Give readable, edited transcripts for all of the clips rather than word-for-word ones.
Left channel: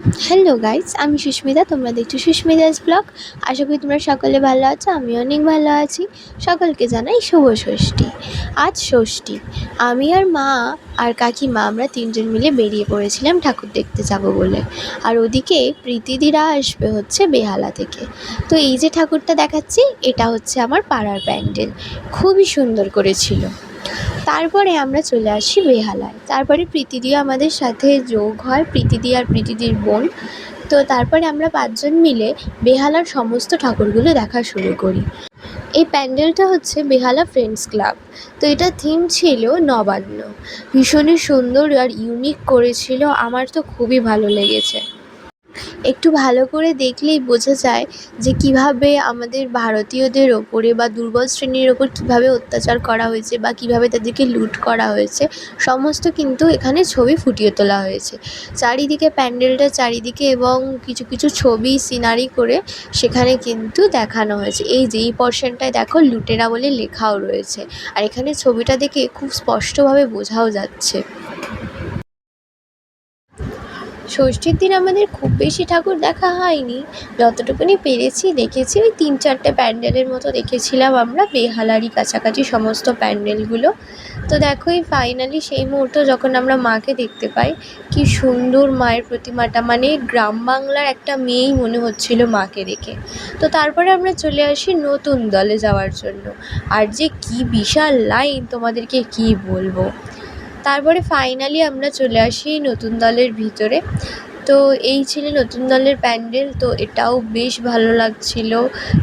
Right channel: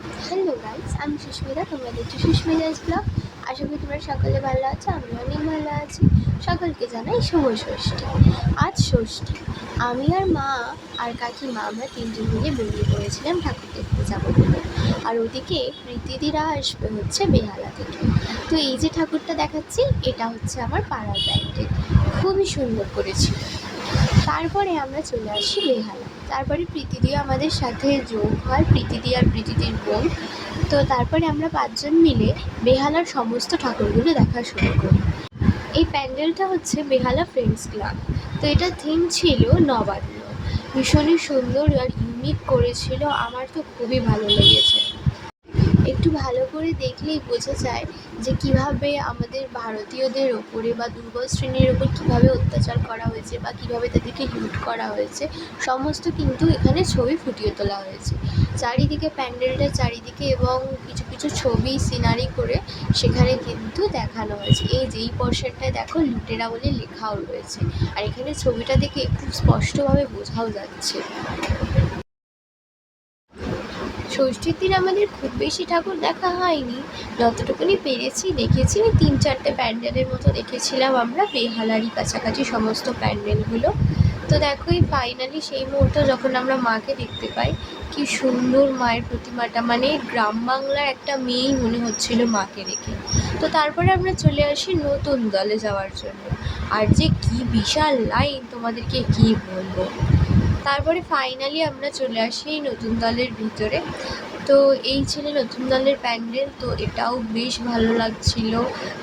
Hello guys, আমি সুস্মিতা। তোমরা দেখছো সুস্মিতাস ব্লগ। আশা করি তোমরা সকলে ভালো আছো, আমি অনেক ভালো আছি। সকলকে জানাই শুভ ষষ্ঠী। আজ ষষ্ঠী। আমি আর মা আর কাকিমা আমরা তিনজন মিলে বেরিয়ে পড়েছিলাম ঠাকুর দেখতে যাব বলে। আর ওদিকে প্রীতিদিরা আসবে হচ্ছে বেহালা থেকে। তো এই যে ঠাকুরটা দেখাচ্ছি, এটা হচ্ছে আমার পাড়ার প্যান্ডেল। খুবই সুন্দর করেছিল। তারপরে আমরা চলে আসি বেহালায়। তারপরে প্রীতিদি আমাদের সাথে যোগ হয়, প্রীতিদি আর প্রীতিদির বোন। তো তারপরে আমরা ৫ জন মিলে বেহালার সমস্ত ঠাকুরগুলো দেখা শুরু করি। এই প্যান্ডেলটা হচ্ছে বেহালা ফ্রেন্ডস ক্লাব। তো এটা থিম ছিল নবান্ন। ভীষণই সুন্দর আর ইউনিক করেছিল, আমার তো খুবই ভালো লেগেছে। একটু ভালো করে দেখলেই বোঝা যায় যে কীভাবে আমাদের ভারতীয়দের ওপরে বা দুর্বল শ্রেণীর ওপর কীভাবে অত্যাচার করা হয়েছে বা কীভাবে তাদেরকে লুট করা হয়েছে, সমস্ত কিন্তু এখানে ছবি ফুটিয়ে তোলা হয়েছে। চারিদিকে প্যান্ডেলটা চারিদিকে এবং কিছু কিছু ছবি সিনারি করে সেখানে কিন্তু দেখানো হয়েছে। এই যে এই পোরশনটায় দেখো লুটেরা বলে লেখাও রয়েছে, আর এখানে ছবিটা দেখে খুব স্পষ্টভাবে বোঝাও যাচ্ছে। ষষ্ঠীর দিন আমাদের খুব বেশি ঠাকুর দেখা হয়নি, যতটুকুনি পেরেছি দেখেছি। ওই ৩-৪টে প্যান্ডেলের মতো দেখেছিলাম আমরা, বেহালারই কাছাকাছি সমস্ত প্যান্ডেলগুলো। তো দেখো এই ফাইনালি সেই মুহূর্ত যখন আমরা মাকে দেখতে পাই, কি সুন্দর মায়ের প্রতিমাটা, মানে গ্রাম বাংলার একটা মেয়েই মনে হচ্ছিল মাকে দেখে। তো তারপরে আমরা চলে আসি নতুন দলে যাওয়ার জন্য, আর যে কি বিশাল লাইন তোমাদেরকে কি বলবো। তারপরে ফাইনালি আমরা চলে আসি নতুন দলের ভিতরে। তো এই ছিল নতুন দলের প্যান্ডেল। তো এটাও বেশ ভালো লাগছিল,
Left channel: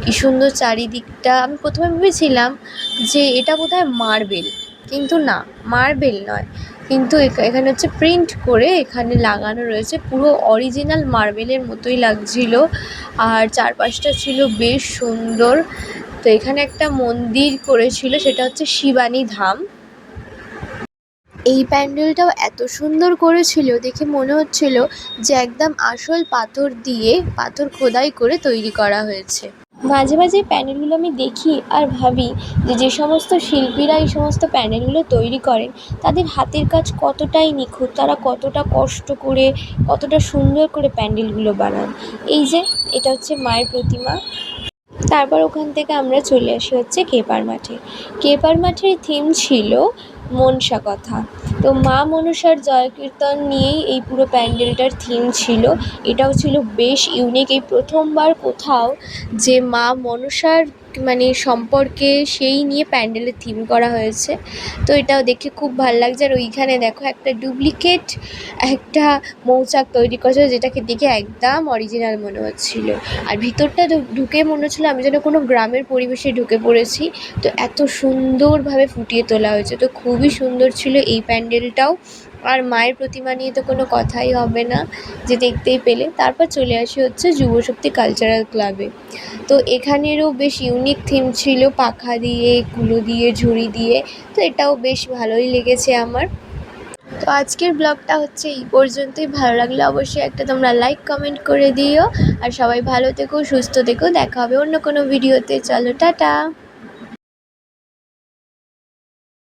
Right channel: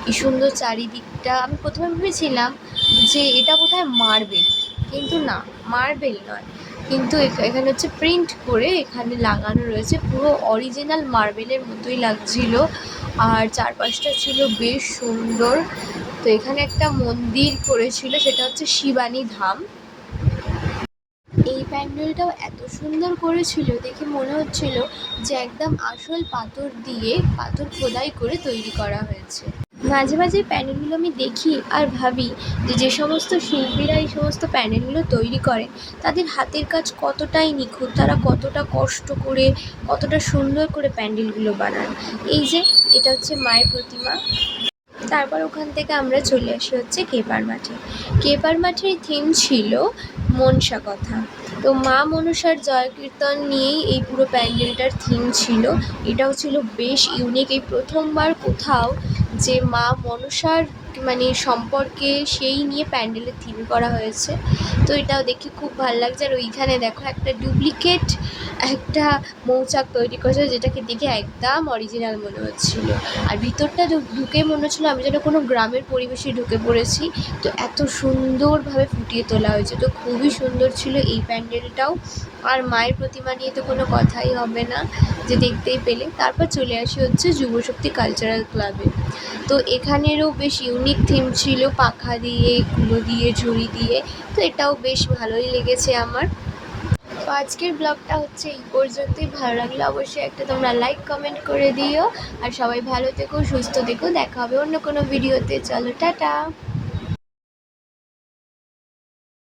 কি সুন্দর চারিদিকটা। আমি প্রথমে ভেবেছিলাম যে এটা বোধহয় মার্বেল, কিন্তু না, মার্বেল নয়। কিন্তু এখানে হচ্ছে প্রিন্ট করে এখানে লাগানো রয়েছে, পুরো অরিজিনাল মার্বেলের মতোই লাগছিল। আর চারপাশটা ছিল বেশ সুন্দর। তো এখানে একটা মন্দির করেছিল, সেটা হচ্ছে শিবানী ধাম। এই প্যান্ডেলটাও এত সুন্দর করেছিল, দেখে মনে হচ্ছিল যে একদম আসল পাথর দিয়ে পাথর খোদাই করে তৈরি করা হয়েছে। মাঝে মাঝে প্যান্ডেলগুলো আমি দেখি আর ভাবি যে যে সমস্ত শিল্পীরা এই সমস্ত প্যান্ডেলগুলো তৈরি করেন, তাদের হাতের কাজ কতটাই নিখুঁত, তারা কতটা কষ্ট করে কতটা সুন্দর করে প্যান্ডেলগুলো বানান। এই যে এটা হচ্ছে মায়ের প্রতিমা। তারপর ওখান থেকে আমরা চলে আসি হচ্ছে কেপার মাঠে। কেপার মাঠের থিম ছিল মনসা কথা। তো মা মনসার জয়কীর্তন নিয়েই এই পুরো প্যান্ডেলটার থিম ছিল। এটাও ছিল বেশ ইউনিক, এই প্রথমবার কোথাও যে মা মনসার মানে সম্পর্কে সেই নিয়ে প্যান্ডেলের থিম করা হয়েছে। তো এটাও দেখে খুব ভালো লাগছে। আর ওইখানে দেখো একটা ডুপ্লিকেট একটা মৌচাক তৈরি করেছে, যেটাকে দেখে একদম অরিজিনাল মনে হচ্ছিলো। আর ভিতরটা ঢুকে মনে হচ্ছিলো আমি যেন কোনো গ্রামের পরিবেশে ঢুকে পড়েছি। তো এত সুন্দরভাবে ফুটিয়ে তোলা হয়েছে, তো খুবই সুন্দর ছিল এই প্যান্ডেলটাও। আর মায়ের প্রতিমা নিয়ে তো কোনো কথাই হবে না, যে দেখতেই পেলে। তারপর চলে আসি হচ্ছে যুবশক্তি কালচারাল ক্লাবে। তো এখানেরও বেশ ইউনিক থিম ছিল, পাখা দিয়ে, কুলো দিয়ে, ঝুড়ি দিয়ে। তো এটাও বেশ ভালোই লেগেছে আমার। তো আজকের ব্লগটা হচ্ছে এই পর্যন্তই। ভালো লাগলে অবশ্যই একটা তোমরা লাইক কমেন্ট করে দিও। আর সবাই ভালো থেকো, সুস্থ থেকো। দেখা হবে অন্য কোনো ভিডিওতে। চলো টাটা।